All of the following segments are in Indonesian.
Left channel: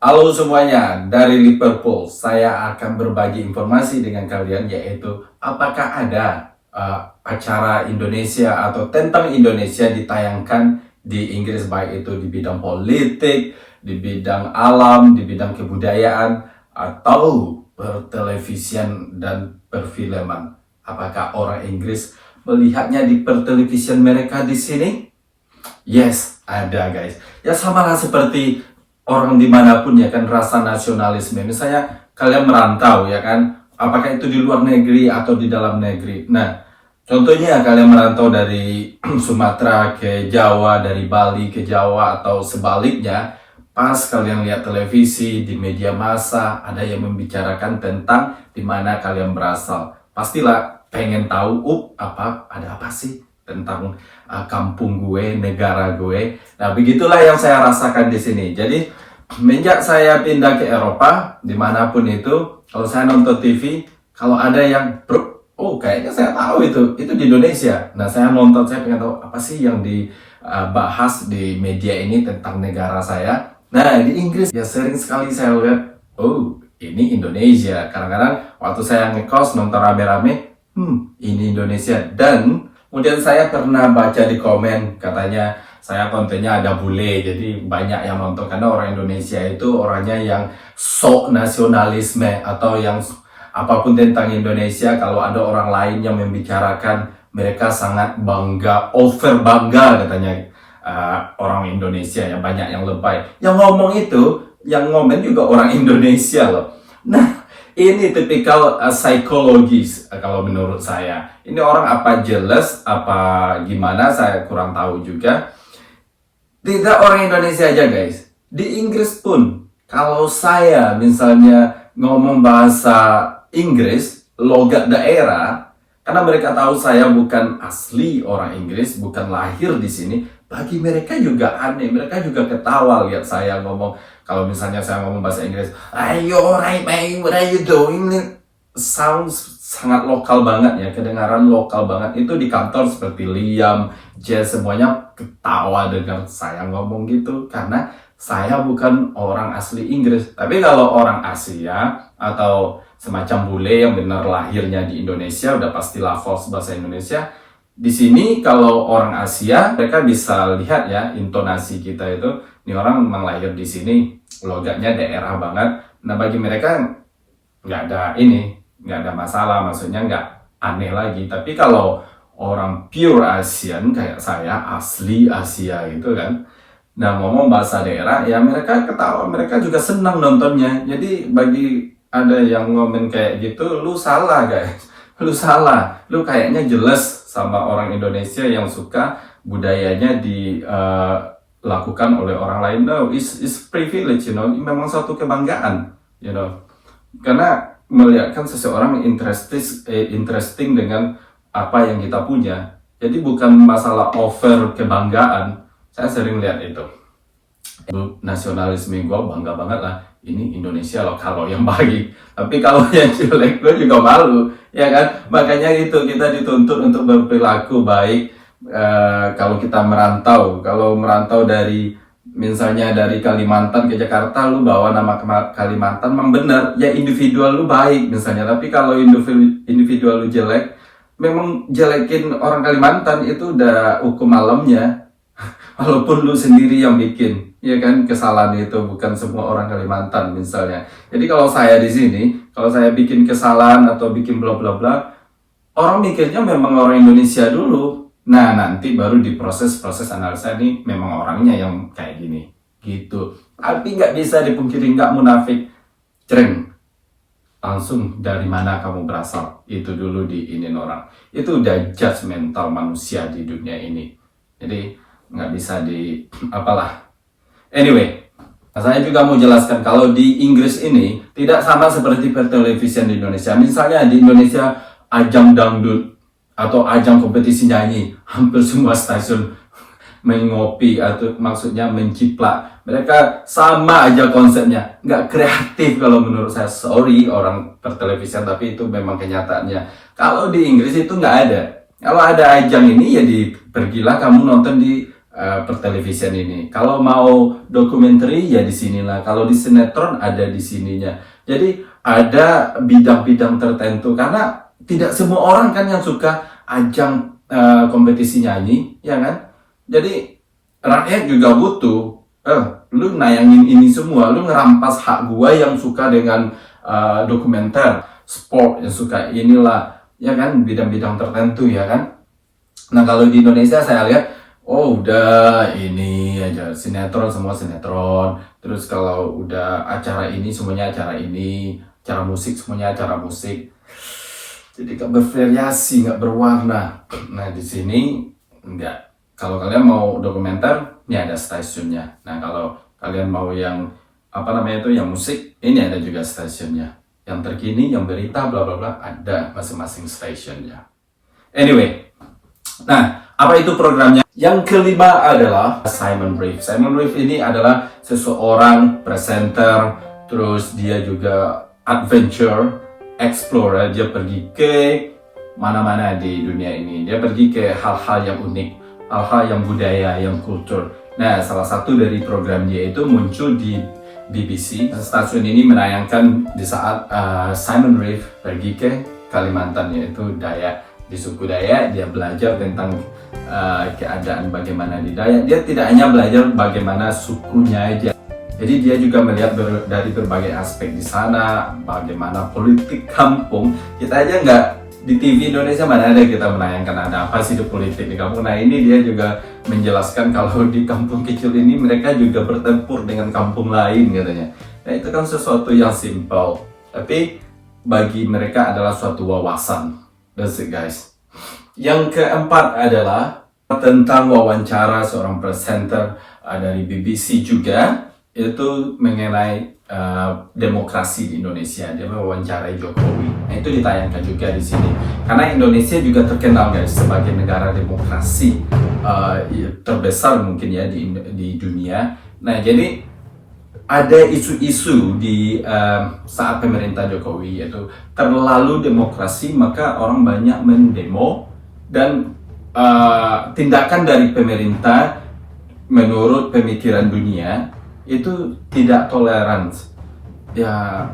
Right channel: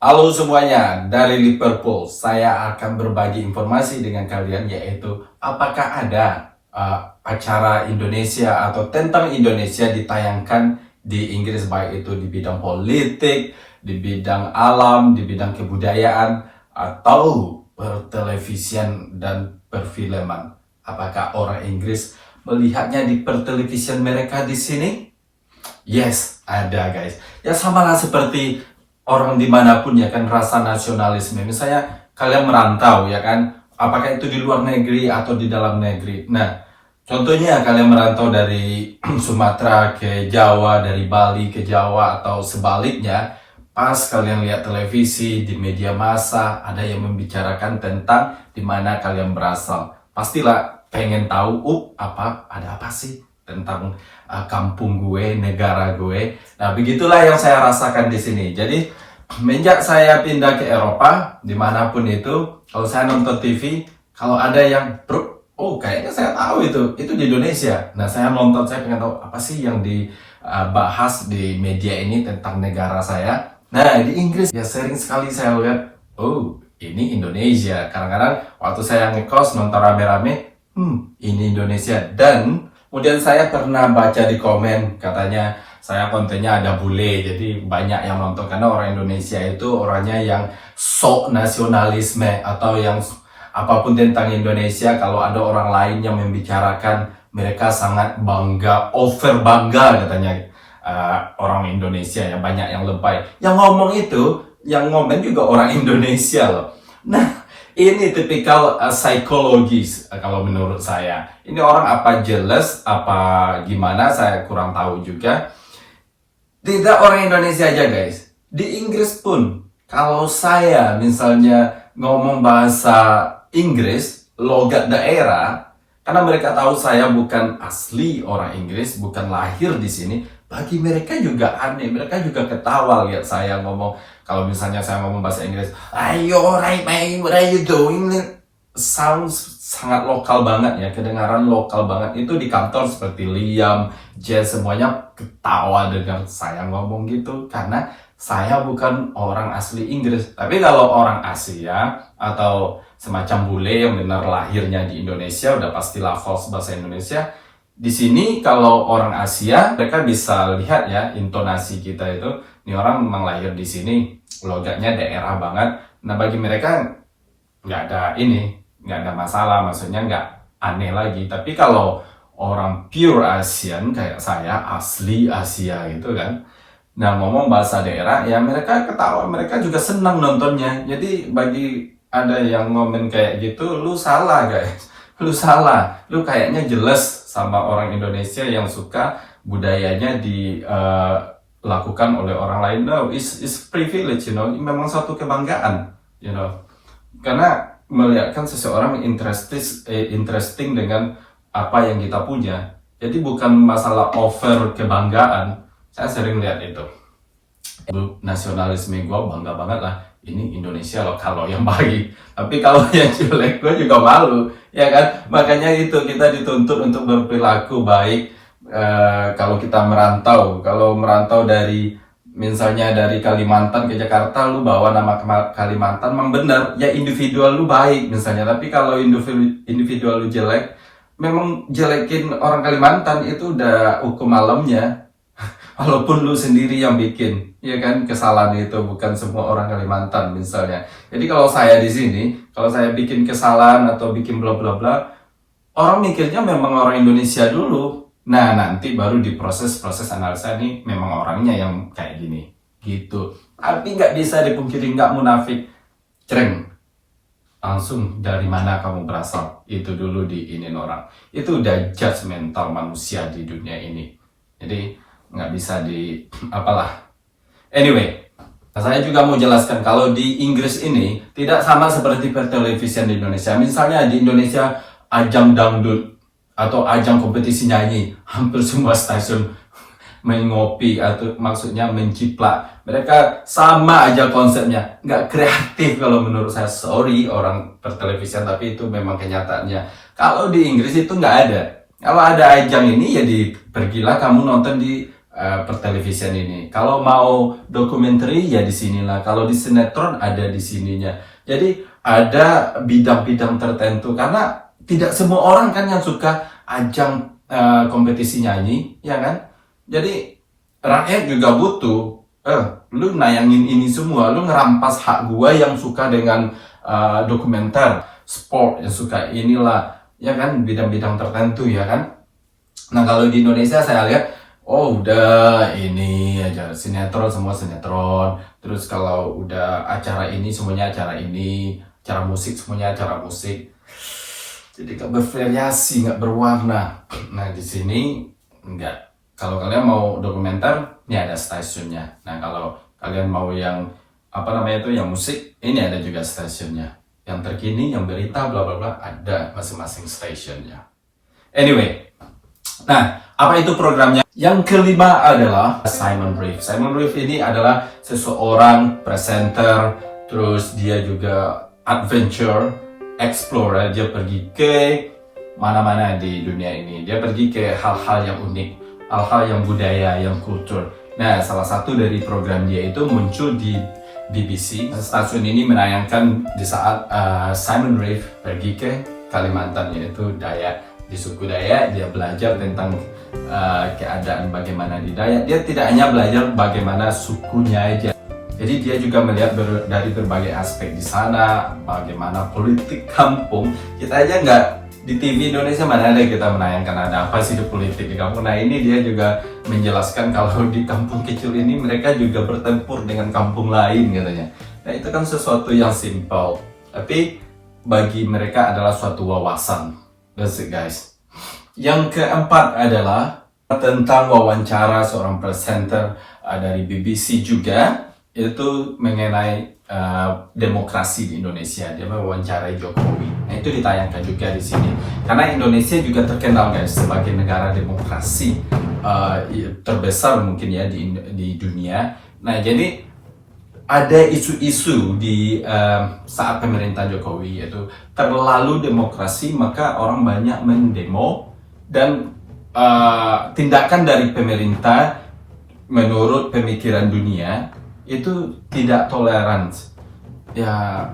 Halo semuanya, dari Liverpool. Saya akan berbagi informasi dengan kalian, yaitu apakah ada acara Indonesia atau tentang Indonesia ditayangkan di Inggris, baik itu di bidang politik, di bidang alam, di bidang kebudayaan, atau pertelevisian dan perfilman. Apakah orang Inggris melihatnya di pertelevisian mereka di sini? Yes, ada guys. Ya sama lah seperti orang dimanapun ya kan, rasa nasionalisme. Misalnya kalian merantau ya kan, apakah itu di luar negeri atau di dalam negeri. Nah, contohnya kalian merantau dari Sumatera ke Jawa, dari Bali ke Jawa atau sebaliknya. Pas kalian lihat televisi di media massa, ada yang membicarakan tentang di mana kalian berasal. Pastilah pengen tahu, ada apa sih tentang kampung gue, negara gue. Nah, begitulah yang saya rasakan di sini. Jadi, semenjak saya pindah ke Eropa, dimanapun itu, kalau saya nonton TV, kalau ada yang, bro, kayaknya saya tahu itu di Indonesia. Nah, saya nonton, saya pengen tahu apa sih yang dibahas di media ini tentang negara saya. Nah, di Inggris, ya sering sekali saya lihat, ini Indonesia. Kadang-kadang waktu saya ngekos, nonton rame-rame, ini Indonesia. Dan kemudian saya pernah baca di komen, katanya saya kontennya ada bule, jadi banyak yang nonton karena orang Indonesia itu orangnya yang sok nasionalisme atau yang apapun tentang Indonesia, kalau ada orang lain yang membicarakan, mereka sangat bangga, over bangga katanya. Orang Indonesia yang banyak yang lebay. Yang ngomong itu, yang ngomen juga orang Indonesia loh. Nah, ini tipikal psikologis kalau menurut saya. Ini orang apa jealous, apa gimana, saya kurang tahu juga. Tidak orang Indonesia aja guys. Di Inggris pun, kalau saya misalnya ngomong bahasa Inggris, logat daerah, karena mereka tahu saya bukan asli orang Inggris, bukan lahir di sini, bagi mereka juga aneh. Mereka juga ketawa lihat saya ngomong. Kalau misalnya saya ngomong bahasa Inggris, ayo right mate, what are you doing? Sounds sangat lokal banget ya, kedengaran lokal banget. Itu di kantor seperti Liam, Jess, semuanya ketawa dengan saya ngomong gitu. Karena saya bukan orang asli Inggris. Tapi kalau orang Asia atau semacam bule yang benar lahirnya di Indonesia, udah pastilah false bahasa Indonesia. Di sini kalau orang Asia, mereka bisa lihat ya intonasi kita itu, ini orang memang lahir di sini, logatnya daerah banget. Nah, bagi mereka nggak ada masalah, maksudnya nggak aneh lagi. Tapi kalau orang pure Asian kayak saya, asli Asia itu kan, nah ngomong bahasa daerah, ya mereka ketawa, mereka juga senang nontonnya. Jadi bagi ada yang ngomong kayak gitu, lu salah guys, lu salah, lu kayaknya jelas sama orang Indonesia yang suka budayanya dilakukan oleh orang lain. No, it's privilege, you know. Memang suatu kebanggaan, you know. Karena melihatkan seseorang interesting dengan apa yang kita punya. Jadi bukan masalah over kebanggaan. Saya sering lihat itu. Nasionalisme gue bangga banget lah. Ini Indonesia loh kalau yang baik. Tapi kalau yang jelek gue juga malu, ya kan? Makanya itu kita dituntut untuk berperilaku baik. Kalau kita merantau, dari misalnya dari Kalimantan ke Jakarta, lu bawa nama Kalimantan, memang benar ya, individual lu baik misalnya. Tapi kalau individual lu jelek, memang jelekin orang Kalimantan itu udah hukum alamnya. Walaupun lu sendiri yang bikin, ya kan, kesalahan itu, bukan semua orang Kalimantan misalnya. Jadi kalau saya di sini, kalau saya bikin kesalahan atau bikin bla bla bla, orang mikirnya memang orang Indonesia dulu. Nah, nanti baru diproses analisa, nih memang orangnya yang kayak gini, gitu. Tapi nggak bisa dipungkiri, nggak munafik. Cereng, langsung dari mana kamu berasal, itu dulu diinin orang. Itu udah judgmental manusia di dunia ini. Jadi nggak bisa anyway, saya juga mau jelaskan kalau di Inggris ini tidak sama seperti pertelevisian di Indonesia. Misalnya di Indonesia ajang dangdut atau ajang kompetisi nyanyi, hampir semua stasiun mengopi atau maksudnya menciplak. Mereka sama aja konsepnya, nggak kreatif kalau menurut saya. Sorry orang pertelevisian, tapi itu memang kenyataannya. Kalau di Inggris itu nggak ada. Kalau ada ajang ini ya pergilah kamu nonton di pertelevisian ini. Kalau mau dokumenter ya di sinilah. Kalau di sinetron ada di sininya. Jadi ada bidang-bidang tertentu karena tidak semua orang kan yang suka ajang kompetisi nyanyi, ya kan? Jadi rakyat juga butuh. Lu nayangin ini semua, lu ngerampas hak gua yang suka dengan dokumenter, sport yang suka inilah, ya kan, bidang-bidang tertentu, ya kan. Nah kalau di Indonesia saya lihat, oh udah ini aja sinetron semua sinetron, terus kalau udah acara ini semuanya acara ini, acara musik semuanya acara musik, jadi gak bervariasi, gak berwarna. Nah di sini enggak. Kalau kalian mau dokumenter, ini ada stasiunnya. Nah kalau kalian mau yang apa namanya itu, yang musik, ini ada juga stasiunnya. Yang terkini, yang berita, bla bla bla, ada masing-masing stasiunnya. Anyway, nah apa itu programnya? Yang kelima adalah Simon Reeve. Simon Reeve ini adalah seseorang presenter, terus dia juga adventure, explorer. Dia pergi ke mana-mana di dunia ini. Dia pergi ke hal-hal yang unik, hal-hal yang budaya, yang kultur. Nah, salah satu dari program dia itu muncul di BBC. Stasiun ini menayangkan di saat Simon Reeve pergi ke Kalimantan, yaitu Dayak. Di suku Dayak, dia belajar tentang keadaan bagaimana di Dayak. Dia tidak hanya belajar bagaimana sukunya aja. Jadi dia juga melihat dari berbagai aspek di sana, bagaimana politik kampung. Kita aja nggak di TV Indonesia mana ada kita menayangkan ada apa sih di politik di kampung. Nah ini dia juga menjelaskan kalau di kampung kecil ini mereka juga bertempur dengan kampung lain katanya. Nah itu kan sesuatu yang simpel, tapi bagi mereka adalah suatu wawasan. That's it guys. Yang keempat adalah tentang wawancara seorang presenter dari BBC juga, itu mengenai demokrasi di Indonesia. Dia mewawancarai Jokowi. Nah itu ditayangkan juga di sini. Karena Indonesia juga terkenal guys sebagai negara demokrasi terbesar mungkin ya di dunia. Nah jadi ada isu-isu di saat pemerintah Jokowi, yaitu terlalu demokrasi, maka orang banyak mendemo, dan tindakan dari pemerintah menurut pemikiran dunia itu tidak toleran. Ya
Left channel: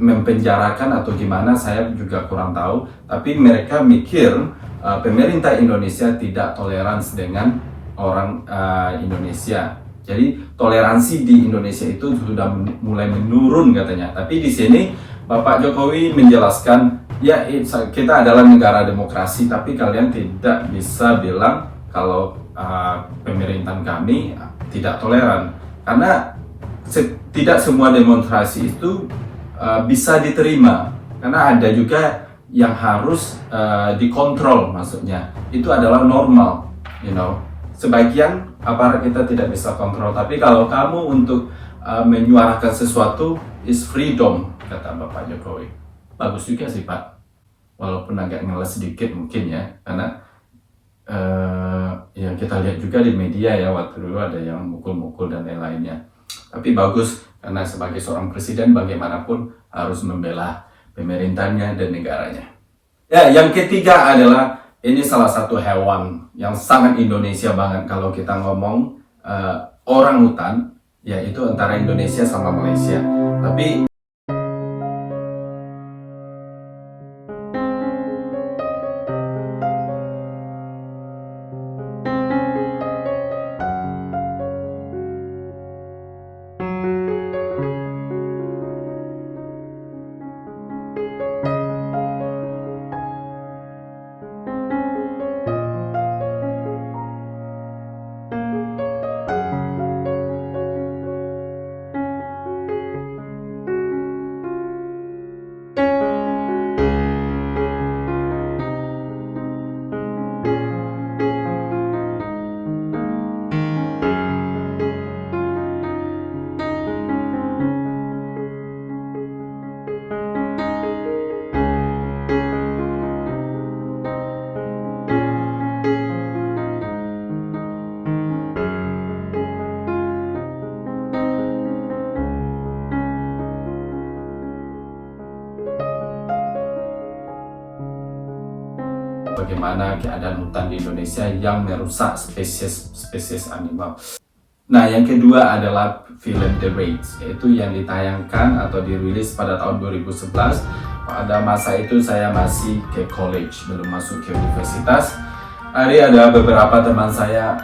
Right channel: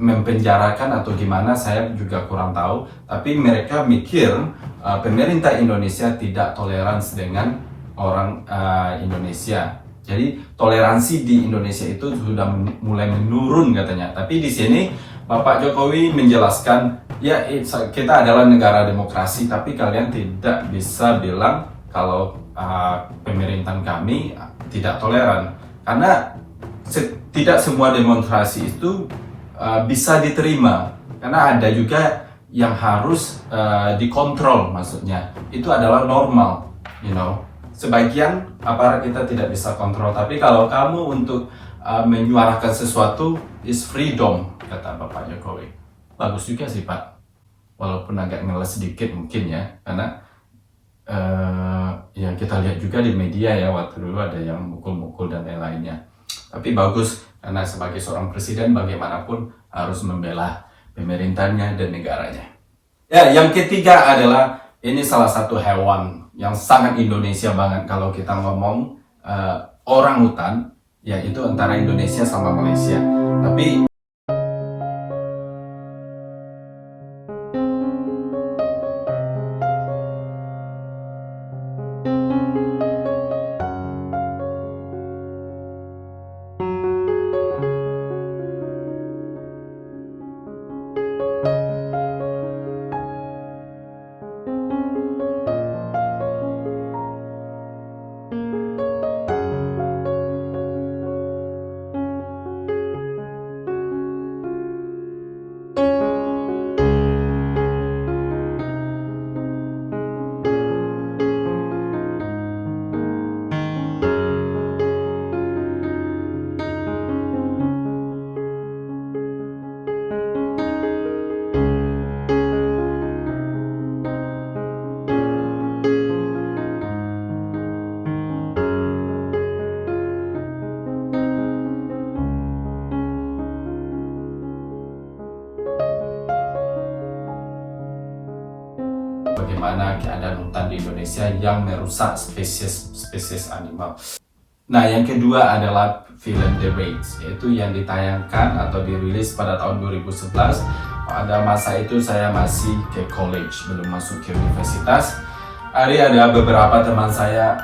mempenjarakan atau gimana saya juga kurang tahu, tapi mereka mikir pemerintah Indonesia tidak toleransi dengan orang Indonesia. Jadi toleransi di Indonesia itu sudah mulai menurun katanya. Tapi di sini Bapak Jokowi menjelaskan, ya kita adalah negara demokrasi, tapi kalian tidak bisa bilang kalau pemerintahan kami tidak toleran. Karena tidak semua demonstrasi itu bisa diterima. Karena ada juga yang harus dikontrol, maksudnya. Itu adalah normal, you know. Sebagian aparat kita tidak bisa kontrol, tapi kalau kamu untuk menyuarakan sesuatu is freedom, kata Bapak Jokowi. Bagus juga sih Pak, walaupun agak ngeles sedikit mungkin ya, karena yang kita lihat juga di media ya, waktu dulu ada yang mukul-mukul dan lain-lainnya. Tapi bagus, karena sebagai seorang presiden bagaimanapun harus membela pemerintahnya dan negaranya. Ya, yang ketiga adalah ini salah satu hewan yang sangat Indonesia banget kalau kita ngomong orang hutan, yaitu antara Indonesia sama Malaysia. Tapi bagaimana keadaan hutan di Indonesia yang merusak spesies animal. Nah, yang kedua adalah film The Raid, yaitu yang ditayangkan atau dirilis pada tahun 2011. Pada masa itu saya masih ke college, belum masuk ke universitas. Ada beberapa teman saya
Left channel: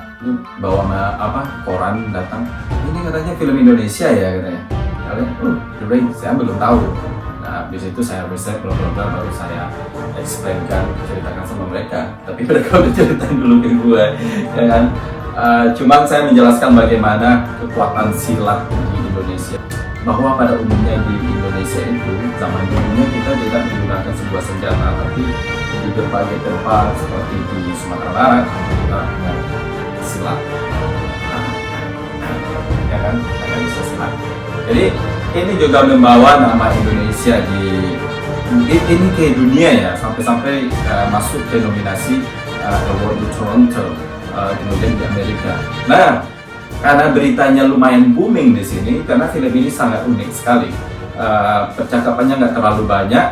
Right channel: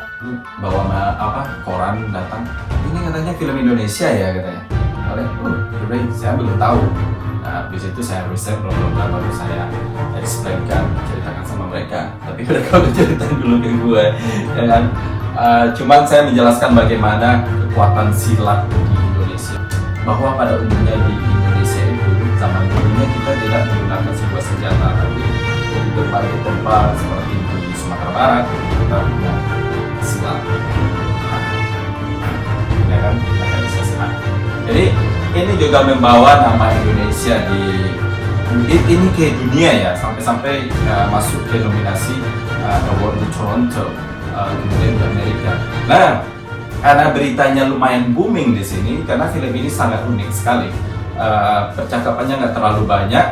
bawa koran datang, ini katanya film Indonesia ya katanya. The Raid, saya belum tahu. Nah, di situ saya riset baru saya explainkan, ceritakan sama mereka. Tapi mereka udah ceritain dulu ke gue, ya kan? Cuman saya menjelaskan bagaimana kekuatan silat di Indonesia. Bahwa pada umumnya di Indonesia itu zaman dulunya kita tidak menggunakan sebuah senjata, tapi di berbagai tempat seperti di Sumatera Barat kita punya silat, ya kan? Kita bisa silat. Jadi ini juga membawa nama Indonesia ini ke dunia ya, sampai masuk ke nominasi award di Toronto, kemudian di Amerika. Nah, karena beritanya lumayan booming di sini, karena film ini sangat unik sekali. Percakapannya nggak terlalu banyak,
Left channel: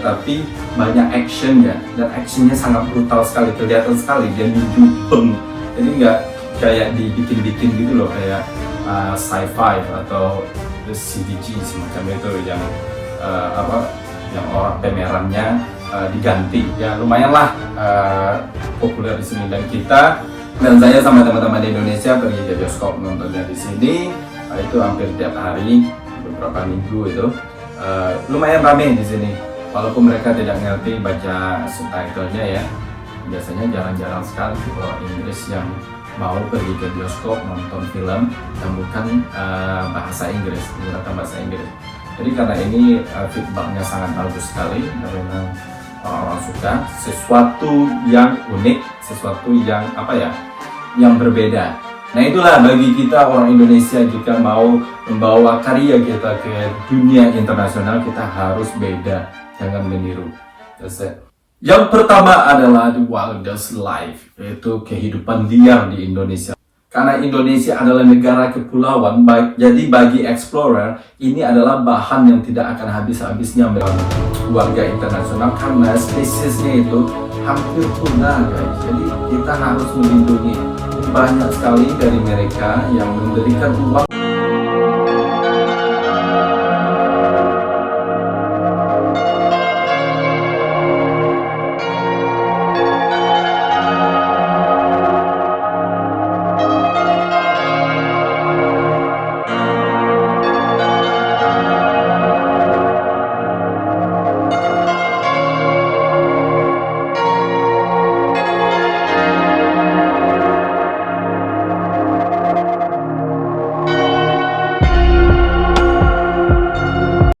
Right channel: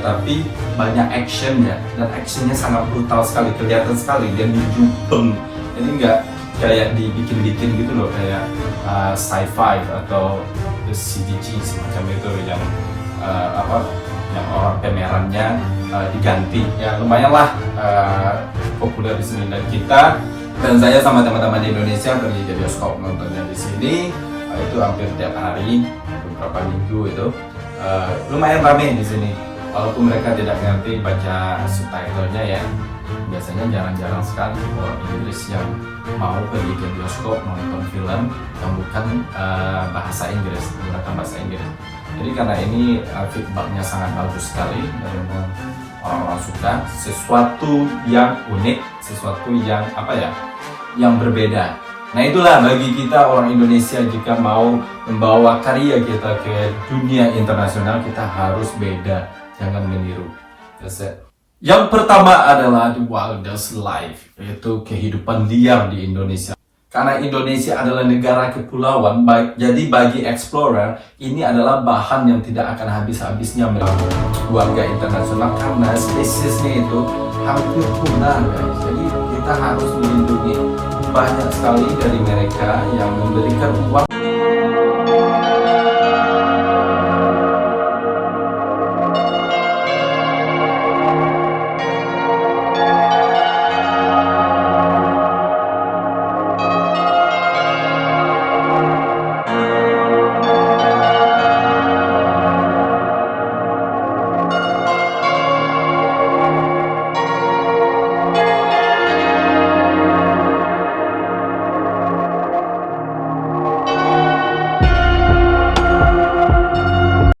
tapi banyak actionnya, dan actionnya sangat brutal sekali, kelihatan sekali dia dijubeng. Jadi nggak kayak dibikin-bikin gitu loh, kayak sci-fi atau CGI semacam itu yang yang orang pemerannya diganti. Ya lumayan lah populer di sini, dan saya sama teman-teman di Indonesia pergi ke bioskop nontonnya di sini. Itu hampir tiap hari, beberapa minggu itu. Lumayan ramai di sini, walaupun mereka tidak ngerti baca subtitlenya ya. Biasanya jarang-jarang sekali kalau Inggris yang mau pergi ke bioskop nonton film yang bukan bahasa Inggris, menggunakan bahasa Inggris. Jadi karena ini feedbacknya sangat bagus sekali, karena orang suka sesuatu yang unik, sesuatu yang yang berbeda. Nah itulah bagi kita orang Indonesia, jika mau membawa karya kita ke dunia internasional, kita harus beda, jangan meniru. That's it. Yang pertama adalah The Wildest Life, yaitu kehidupan liar di Indonesia. Karena Indonesia adalah negara kepulauan, jadi bagi explorer ini adalah bahan yang tidak akan habis-habisnya bagi warga internasional, karena spesiesnya itu hampir punah guys. Jadi kita harus melindungi. Banyak sekali dari mereka yang memberikan uang